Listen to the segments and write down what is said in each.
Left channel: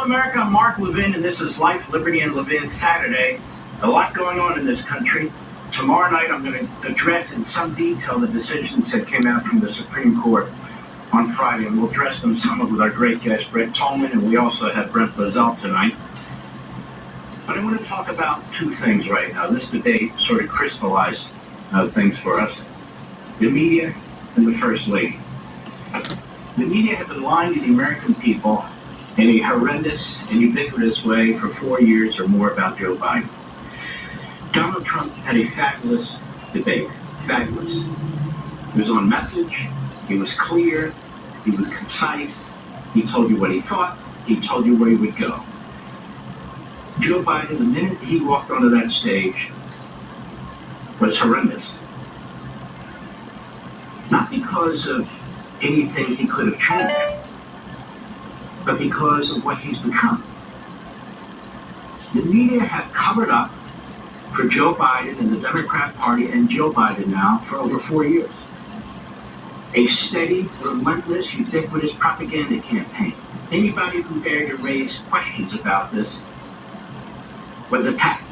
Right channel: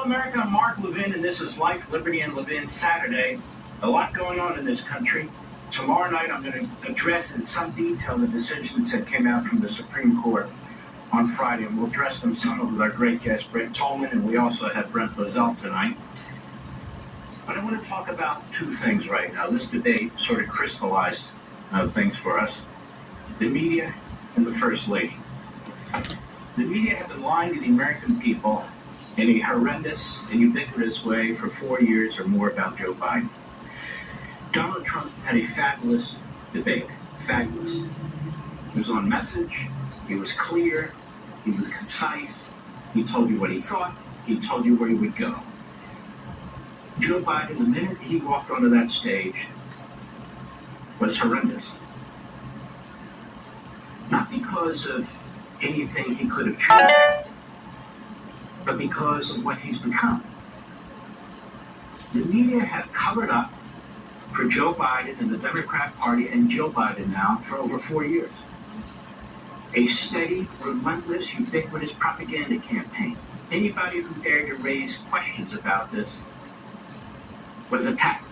Hello, America. I'm Mark Levin, and this is Life, Liberty, and Levin Saturday. A lot going on in this country. Tomorrow night, I'm going to address in some detail the decisions that came out from the Supreme Court on Friday, and we'll address them somewhat with our great guest, Brett Tolman, and we also have Brent Lazell tonight. But I want to talk about two things right now. This debate sort of crystallized things for us. The media and the First Lady. The media have been lying to the American people in a horrendous and ubiquitous way for 4 years or more about Joe Biden. Donald Trump had a fabulous debate. Fabulous. He was on message. He was clear. He was concise. He told you what he thought. He told you where he would go. Joe Biden, the minute he walked onto that stage, was horrendous. Not because of anything he could have changed, but because of what he's become. The media have covered up for Joe Biden and the Democrat Party and Joe Biden now for over 4 years. A steady, relentless, ubiquitous propaganda campaign. Anybody who dared to raise questions about this was attacked.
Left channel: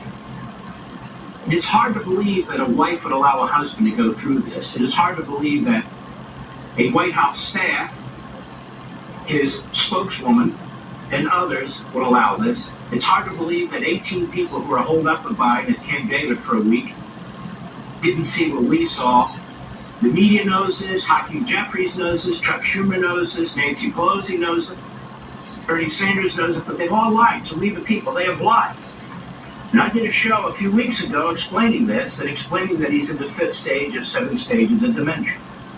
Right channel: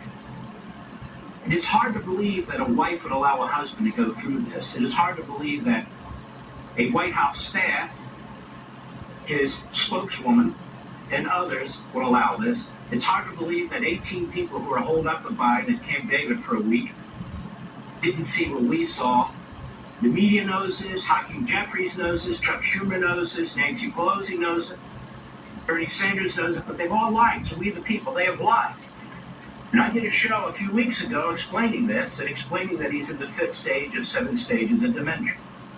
It is hard to believe that a wife would allow a husband to go through this. It is hard to believe that a White House staff, his spokeswoman, and others would allow this. It's hard to believe that 18 people who are holed up with Biden at Camp David for a week didn't see what we saw. The media knows this, Hakeem Jeffries knows this, Chuck Schumer knows this, Nancy Pelosi knows it, Bernie Sanders knows it, but they've all lied to we the people. They have lied. And I did a show a few weeks ago explaining this and explaining that he's in the fifth stage of 7 stages of dementia.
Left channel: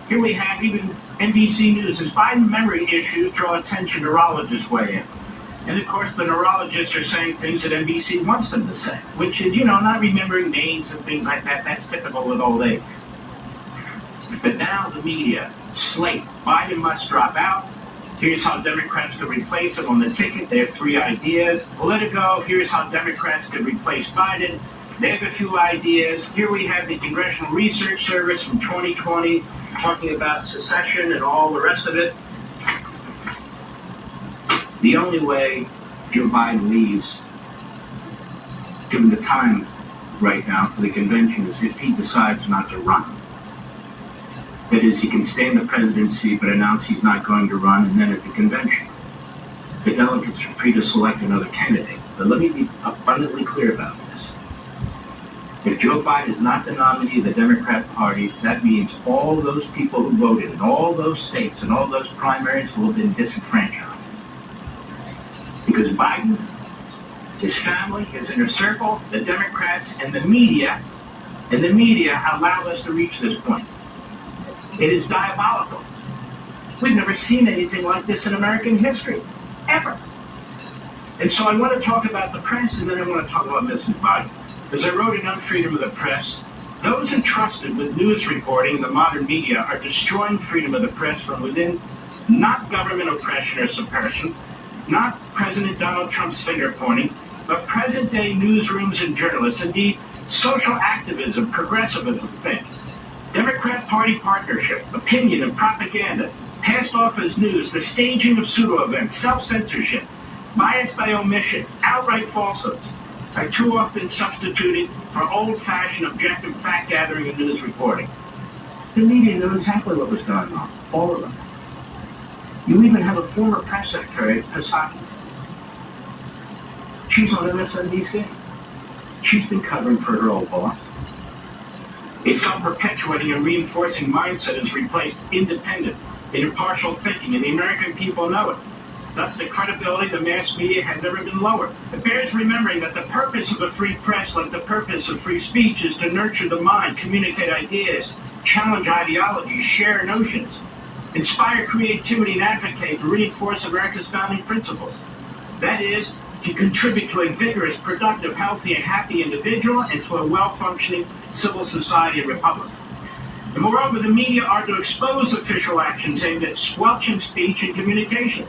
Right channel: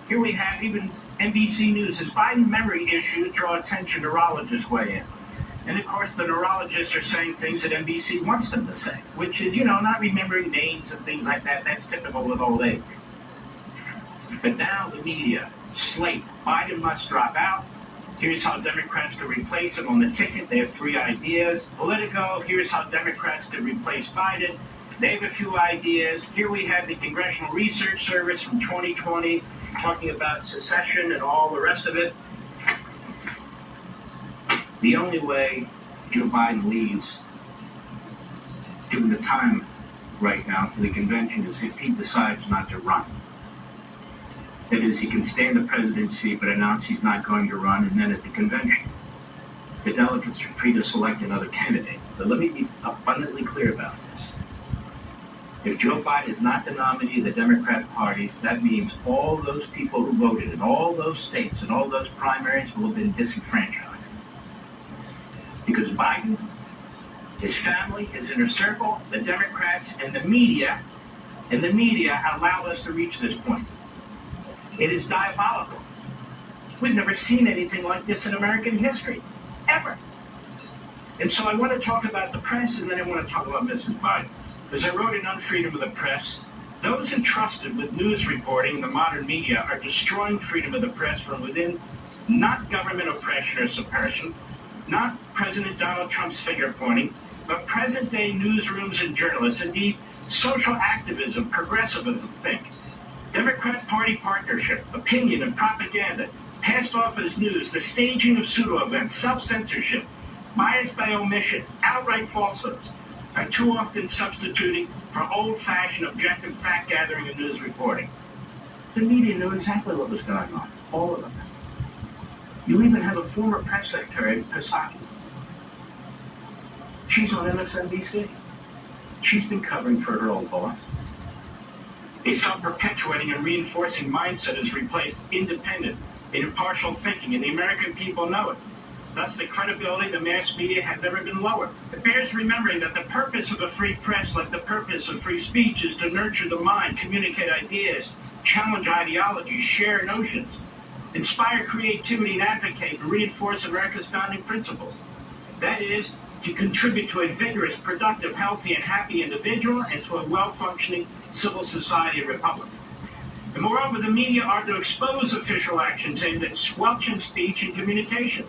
Here we have even NBC News. As Biden memory issues draw attention, neurologists weigh in. And of course, the neurologists are saying things that NBC wants them to say, which is, not remembering names and things like that. That's typical with old age. But now the media slate. Biden must drop out. Here's how Democrats could replace him on the ticket. They have 3 ideas. Politico, here's how Democrats could replace Biden. They have a few ideas. Here we have the Congressional Research Service from 2020 talking about secession and all the rest of it. The only way Joe Biden leaves, given the time right now for the convention, is if he decides not to run. That is, he can stay in the presidency but announce he's not going to run, and then at the convention, the delegates are free to select another candidate. But let me be abundantly clear about this. If Joe Biden is not the nominee of the Democrat Party, that means all those people who voted in all those states and all those primaries will have been disenfranchised. Because Biden, his family, his inner circle, the Democrats, and the media allowed us to reach this point. It is diabolical. We've never seen anything like this in American history, ever. And so I want to talk about the press, and then I want to talk about Mrs. Biden. As I wrote in On Freedom of the Press, those entrusted with news reporting in the modern media are destroying freedom of the press from within, not government oppression or suppression, not President Donald Trump's finger pointing, but present-day newsrooms and journalists, indeed social activism, progressivism, think. Democrat Party partnership, opinion and propaganda, passed off as news, the staging of pseudo-events, self-censorship, bias by omission, outright falsehoods, are too often substituted for old-fashioned objective fact-gathering and news reporting. The media knew exactly what was going on, all of them. You even have a former press secretary, Psaki. She's on MSNBC. She's been covering for her old boss. A self-perpetuating and reinforcing mindset has replaced independent and impartial thinking, and the American people know it. Thus, the credibility of the mass media had never been lower. It bears remembering that the purpose of a free press, like the purpose of free speech, is to nurture the mind, communicate ideas, challenge ideologies, share notions, inspire creativity, and advocate to reinforce America's founding principles. That is, to contribute to a vigorous, productive, healthy, and happy individual and to a well-functioning civil society and republic. And moreover, the media are to expose official actions aimed at squelching speech and communication.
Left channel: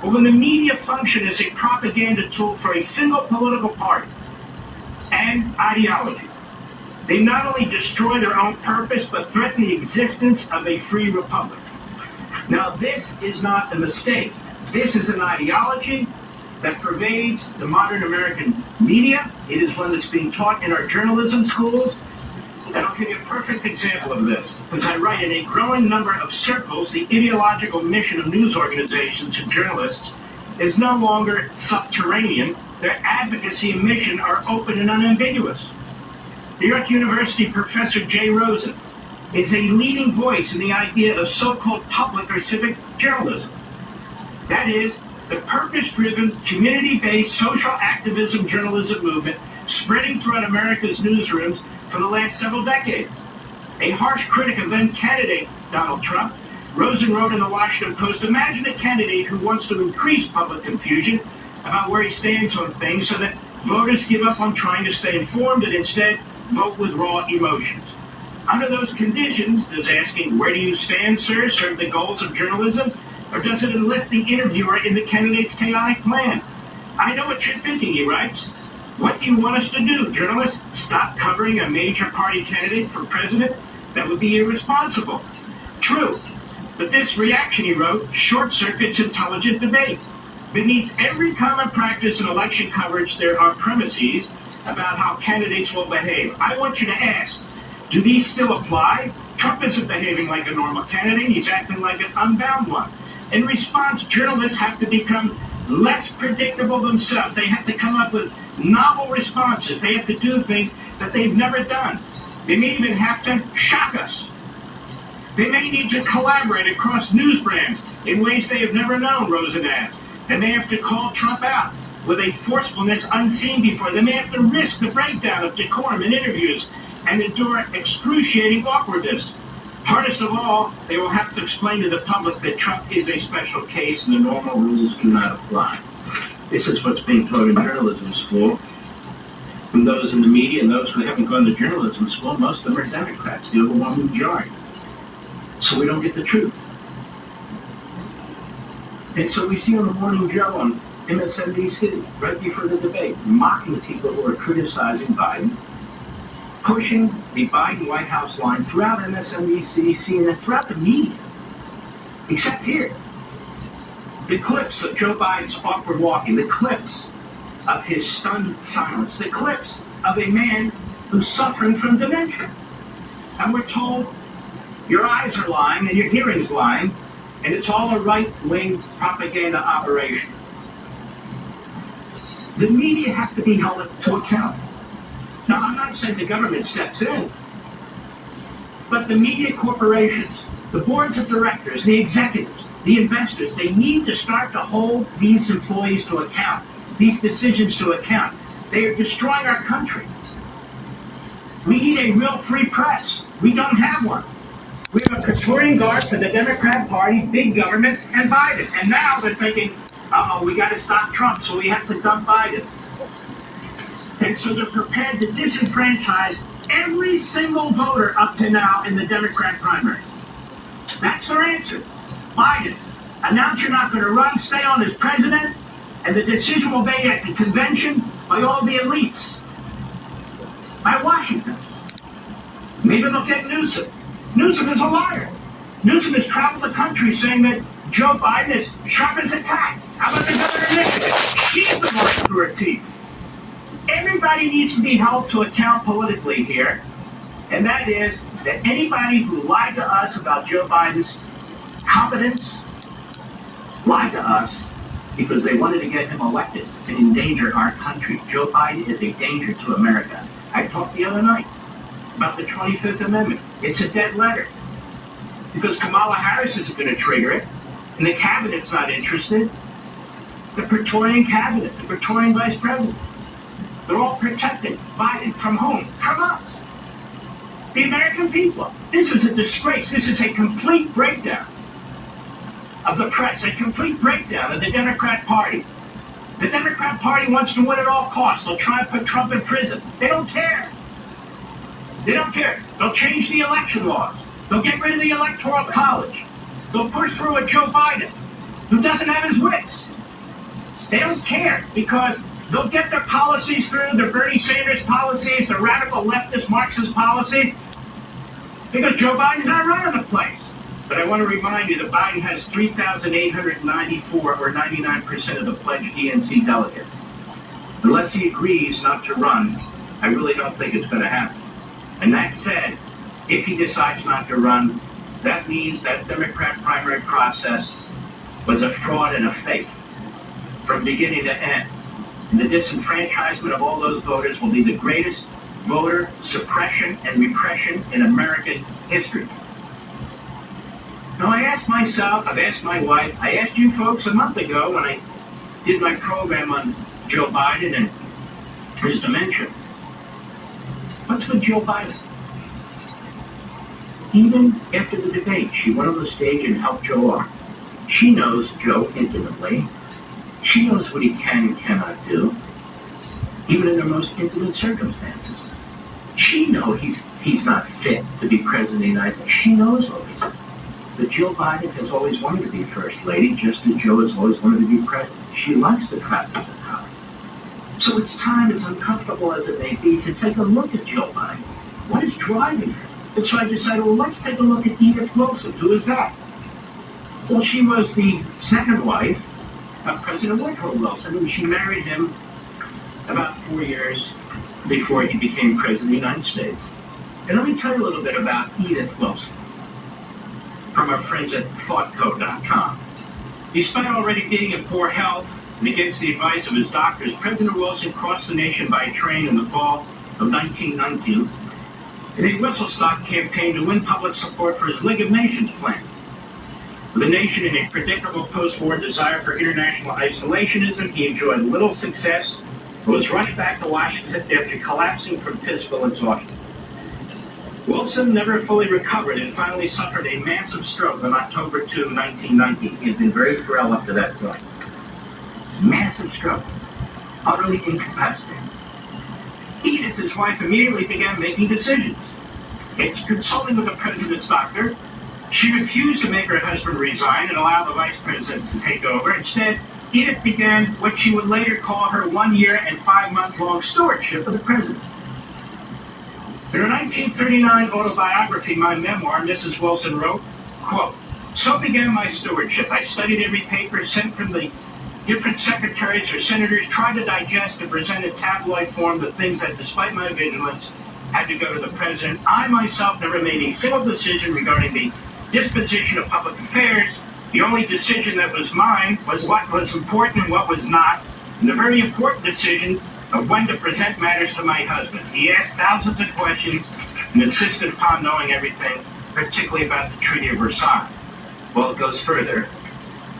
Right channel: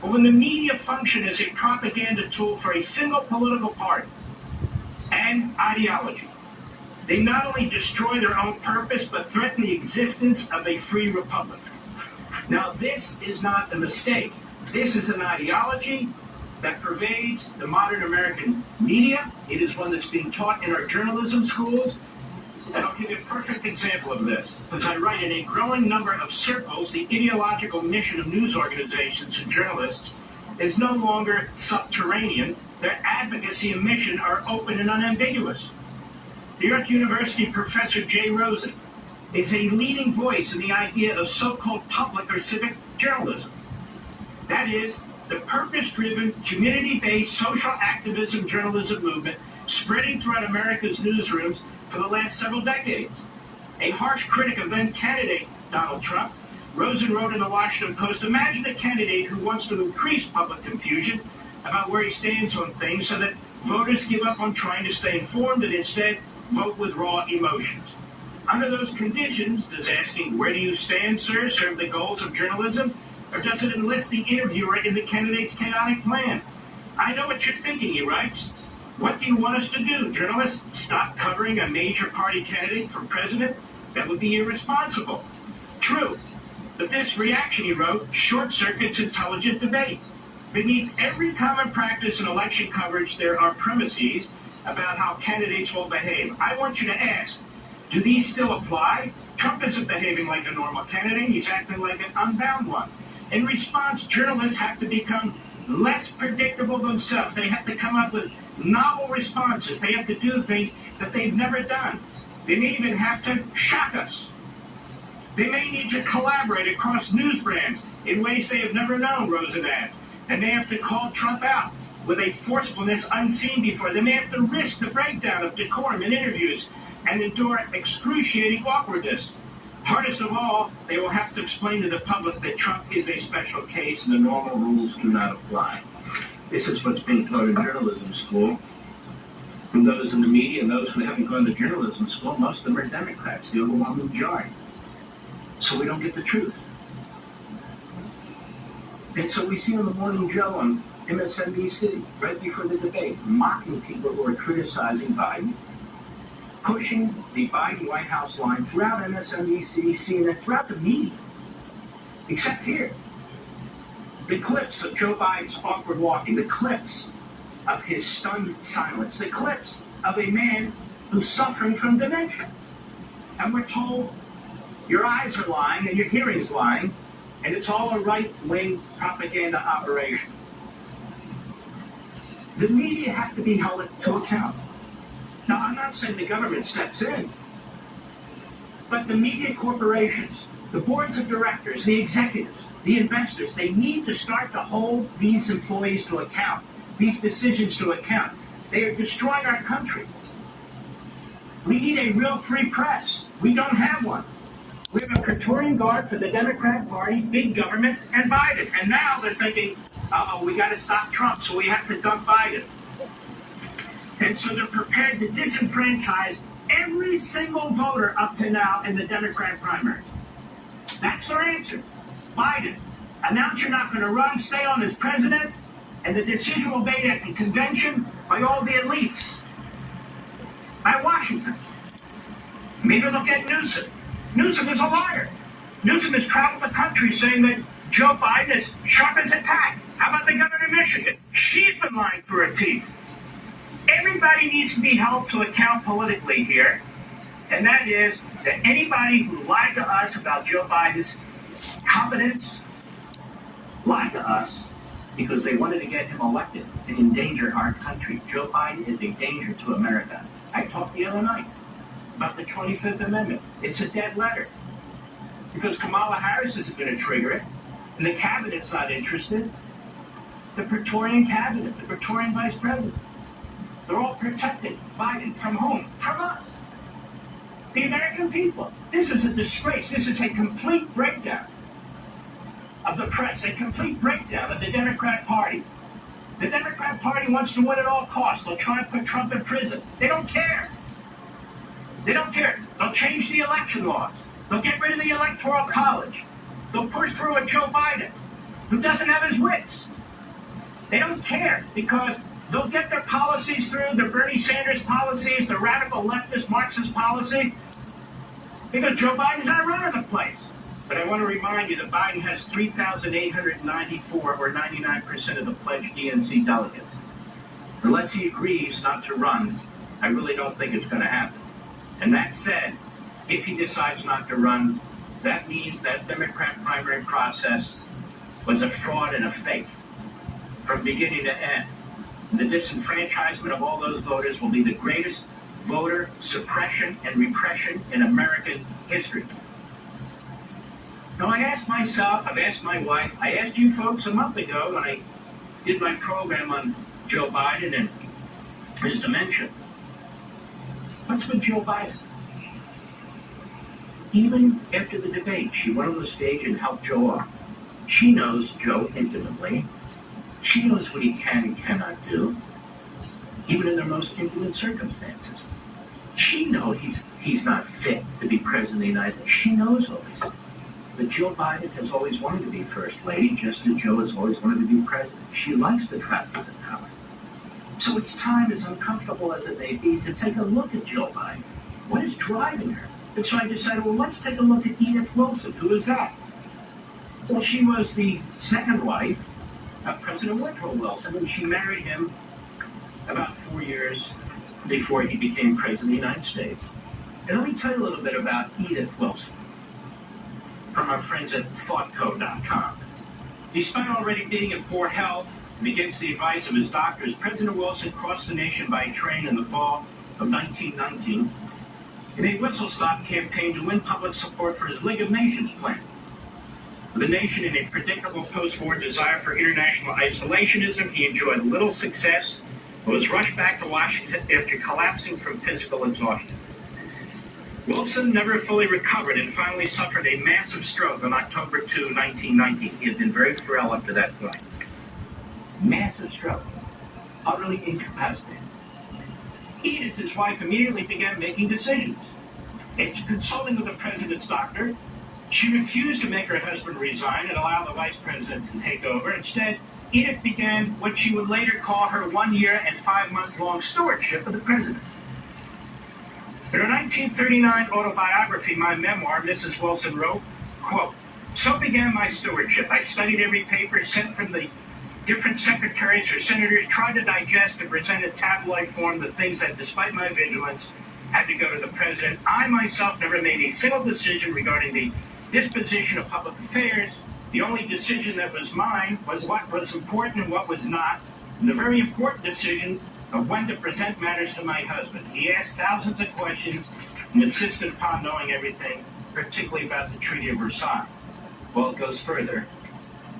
But when the media function as a propaganda tool for a single political party and ideology, they not only destroy their own purpose, but threaten the existence of a free republic. Now, this is not a mistake. This is an ideology that pervades the modern American media. It is one that's being taught in our journalism schools. And I'll give you a perfect example of this. As I write, in a growing number of circles, the ideological mission of news organizations and journalists is no longer subterranean. Their advocacy and mission are open and unambiguous. New York University professor Jay Rosen is a leading voice in the idea of so-called public or civic journalism. That is, the purpose-driven, community-based social activism journalism movement spreading throughout America's newsrooms for the last several decades. A harsh critic of then-candidate Donald Trump, Rosen wrote in the Washington Post, "Imagine a candidate who wants to increase public confusion about where he stands on things so that voters give up on trying to stay informed and instead vote with raw emotions. Under those conditions, does asking, 'Where do you stand, sir?' serve the goals of journalism, or does it enlist the interviewer in the candidate's chaotic plan? I know what you're thinking," he writes. "What do you want us to do, journalists? Stop covering a major party candidate for president? That would be irresponsible." True, but this reaction, he wrote, short-circuits intelligent debate. Beneath every common practice in election coverage, there are premises about how candidates will behave. I want you to ask, do these still apply? Trump isn't behaving like a normal candidate. He's acting like an unbound one. In response, journalists have to become less predictable themselves. They have to come up with novel responses. They have to do things that they've never done. They may even have to shock us. They may need to collaborate across news brands in ways they have never known, Rosen adds. They may have to call Trump out with a forcefulness unseen before. They may have to risk the breakdown of decorum in interviews and endure excruciating awkwardness. Hardest of all, they will have to explain to the public that Trump is a special case and the normal rules do not apply. This is what's being taught in journalism school. From those in the media and those who haven't gone to journalism school, most of them are Democrats, the overwhelming majority. So we don't get the truth. And so we see on the Morning Joe on MSNBC, right before the debate, mocking people who are criticizing Biden, pushing the Biden White House line throughout MSNBC, CNN, throughout the media, except here. The clips of Joe Biden's awkward walking, the clips of his stunned silence, the clips of a man who's suffering from dementia. And we're told, your eyes are lying and your hearing's lying, and it's all a right-wing propaganda operation. The media have to be held to account. Now, I'm not saying the government steps in, but the media corporations, the boards of directors, the executives, the investors, they need to start to hold these employees to account, these decisions to account. They are destroying our country. We need a real free press. We don't have one. We have a Praetorian Guard for the Democrat Party, big government, and Biden. And now they're thinking, uh-oh, we got to stop Trump, so we have to dump Biden. And so they're prepared to disenfranchise every single voter up to now in the Democrat primary. That's their answer. Biden, announce you're not going to run, stay on as president, and the decision will be made at the convention by all the elites, by Washington. Maybe they'll get Newsom. Newsom is a liar. Newsom has traveled the country saying that Joe Biden is sharp as a tack. How about the governor of Michigan? She's the one through her teeth. Everybody needs to be held to account politically here, and that is that anybody who lied to us about Joe Biden's competence lied to us because they wanted to get him elected and endanger our country. Joe Biden is a danger to America. I talked the other night about the 25th Amendment. It's a dead letter because Kamala Harris isn't going to trigger it, and the cabinet's not interested. The Praetorian cabinet, the Praetorian vice president, they're all protecting Biden from whom? From us. The American people. This is a disgrace. This is a complete breakdown of the press, a complete breakdown of the Democrat Party. The Democrat Party wants to win at all costs. They'll try and put Trump in prison. They don't care. They don't care. They'll change the election laws. They'll get rid of the Electoral College. They'll push through a Joe Biden who doesn't have his wits. They don't care because they'll get their policies through, the Bernie Sanders policies, the radical leftist Marxist policy, because Joe Biden's not running the place. But I want to remind you that Biden has 3,894, or 99% of the pledged DNC delegates. Unless he agrees not to run, I really don't think it's going to happen. And that said, if he decides not to run, that means that Democrat primary process was a fraud and a fake from beginning to end. And the disenfranchisement of all those voters will be the greatest voter suppression and repression in American history. Now, I asked myself, I've asked my wife, I asked you folks a month ago when I did my program on Joe Biden and his dementia. What's with Joe Biden? Even after the debate, she went on the stage and helped Joe up. She knows Joe intimately. She knows what he can and cannot do, even in their most intimate circumstances. She knows he's not fit to be president of the United States. She knows all this. But Jill Biden has always wanted to be first lady, just as Joe has always wanted to be president. She likes the practice of power. So it's time, as uncomfortable as it may be, to take a look at Jill Biden. What is driving her? And so I decided, well, let's take a look at Edith Wilson. Who is that? Well, she was the second wife of President Woodrow Wilson, and she married him about 4 years before he became president of the United States. And let me tell you a little bit about Edith Wilson from our friends at thoughtco.com. Despite already being in poor health and against the advice of his doctors, President Wilson crossed the nation by train in the fall of 1919 in a whistle-stop campaign to win public support for his League of Nations plan. With the nation in a predictable post-war desire for international isolationism, he enjoyed little success and was rushed back to Washington after collapsing from physical exhaustion. Wilson never fully recovered and finally suffered a massive stroke on October 2, 1919. He had been very frail up to that point. Massive stroke. Utterly incapacitated. Edith, his wife, immediately began making decisions. After consulting with the president's doctor, she refused to make her husband resign and allow the vice president to take over. Instead, Edith began what she would later call her 1 year and 5 month long stewardship of the president. In her 1939 autobiography, my memoir, Mrs. Wilson wrote, quote, "So began my stewardship. I studied every paper sent from the different secretaries or senators, tried to digest and present in tabloid form the things that, despite my vigilance, had to go to the president. I myself never made a single decision regarding the disposition of public affairs. The only decision that was mine was what was important and what was not, and the very important decision of when to present matters to my husband. He asked thousands of questions and insisted upon knowing everything, particularly about the Treaty of Versailles." Well, it goes further.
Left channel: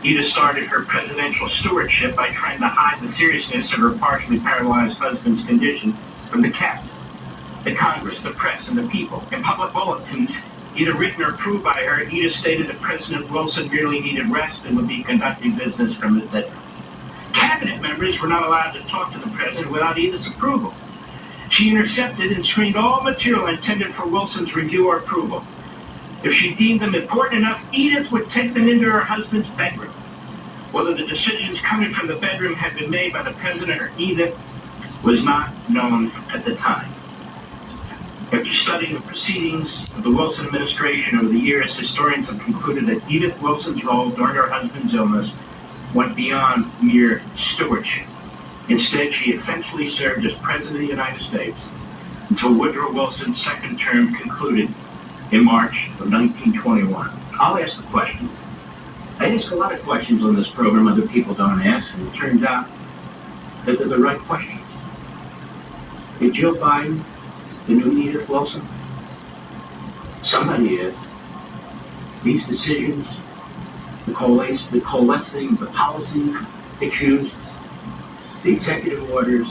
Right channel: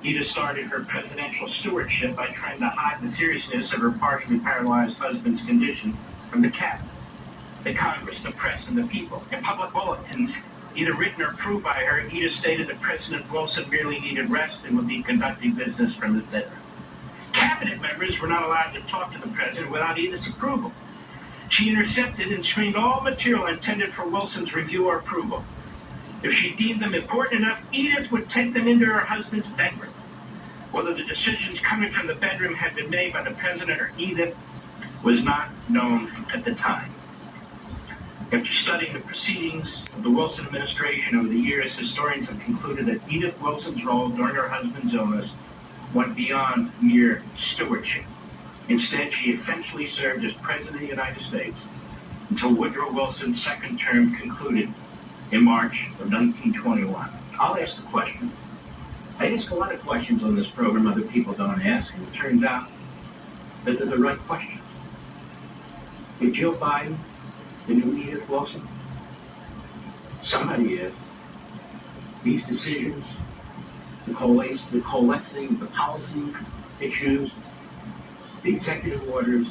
Edith started her presidential stewardship by trying to hide the seriousness of her partially paralyzed husband's condition from the cabinet, the Congress, the press, and the people. In public bulletins, either written or approved by her, Edith stated that President Wilson merely needed rest and would be conducting business from his bedroom. Cabinet members were not allowed to talk to the president without Edith's approval. She intercepted and screened all material intended for Wilson's review or approval. If she deemed them important enough, Edith would take them into her husband's bedroom. Whether the decisions coming from the bedroom had been made by the president or Edith was not known at the time. After studying the proceedings of the Wilson administration over the years, historians have concluded that Edith Wilson's role during her husband's illness went beyond mere stewardship. Instead, she essentially served as President of the United States until Woodrow Wilson's second term concluded in March of 1921. I'll ask the question. I ask a lot of questions on this program other people don't ask, and it turns out that they're the right questions. Is Jill Biden the new Edith Wilson? Somebody is. These decisions, the coalescing, the policy issues, the executive orders,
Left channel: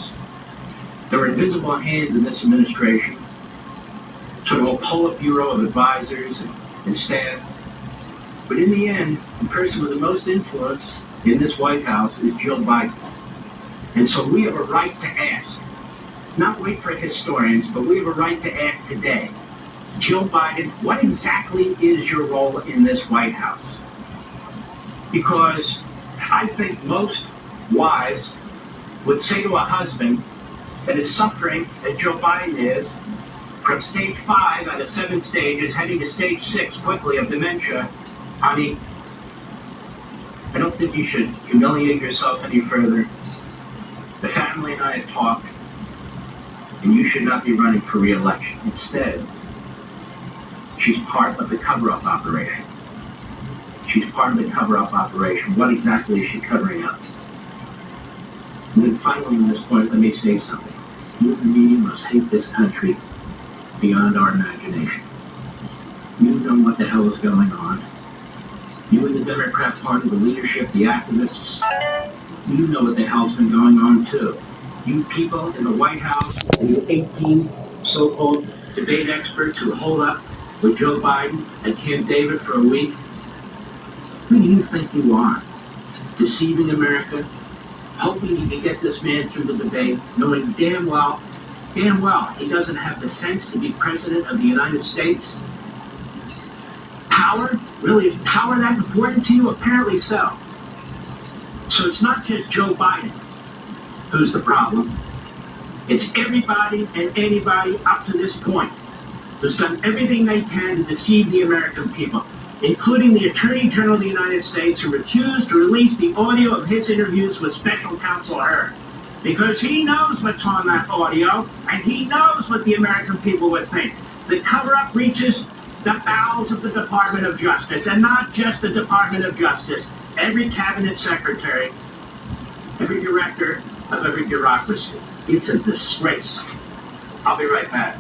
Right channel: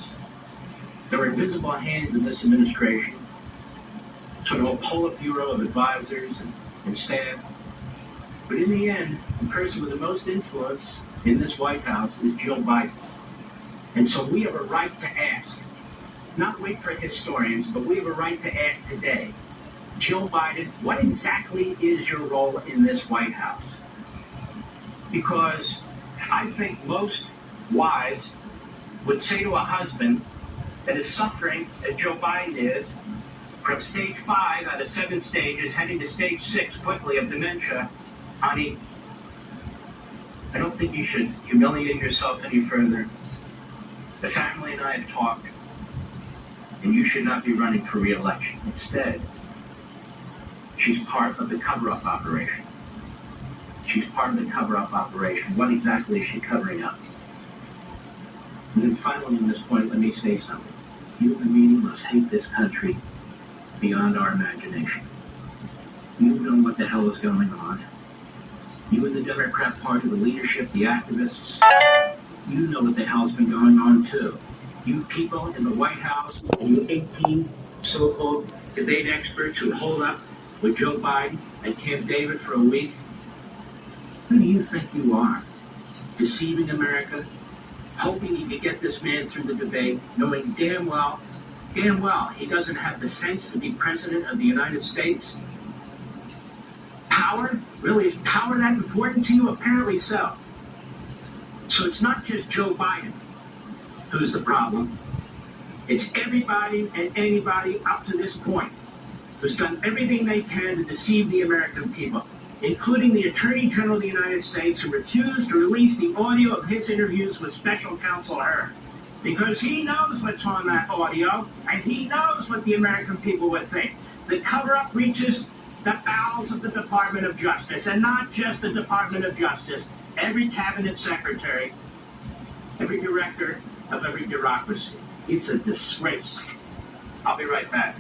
there are invisible hands in this administration, sort of a Politburo of advisors and staff. But in the end, the person with the most influence in this White House is Jill Biden. And so we have a right to ask, not wait for historians, but we have a right to ask today, Jill Biden, what exactly is your role in this White House? Because I think most wives would say to a husband that is suffering, that Joe Biden is, from stage 5 out of 7 stages, heading to stage 6 quickly of dementia, I mean, I don't think you should humiliate yourself any further. The family and I have talked, and you should not be running for re-election. Instead, she's part of the cover-up operation. She's part of the cover-up operation. What exactly is she covering up? And then finally, on this point, let me say something. You and the media must hate this country beyond our imagination. You know what the hell is going on. You and the Democrat Party, the leadership, the activists, you know what the hell's been going on too. You people in the White House, you 18 so-called debate experts who hold up with Joe Biden at Camp David for a week. Who do you think you are? Deceiving America? Hoping you can get this man through the debate, knowing damn well he doesn't have the sense to be president of the United States? Power? Really, is power that important to you? Apparently so. So it's not just Joe Biden who's the problem. It's everybody and anybody up to this point who's done everything they can to deceive the American people, including the Attorney General of the United States, who refused to release the audio of his interviews with Special Counsel Hurd, because he knows what's on that audio, and he knows what the American people would think. The cover-up reaches the bowels of the Department of Justice, and not just the Department of Justice. Every cabinet secretary, every director of every bureaucracy. It's a disgrace. I'll be right back.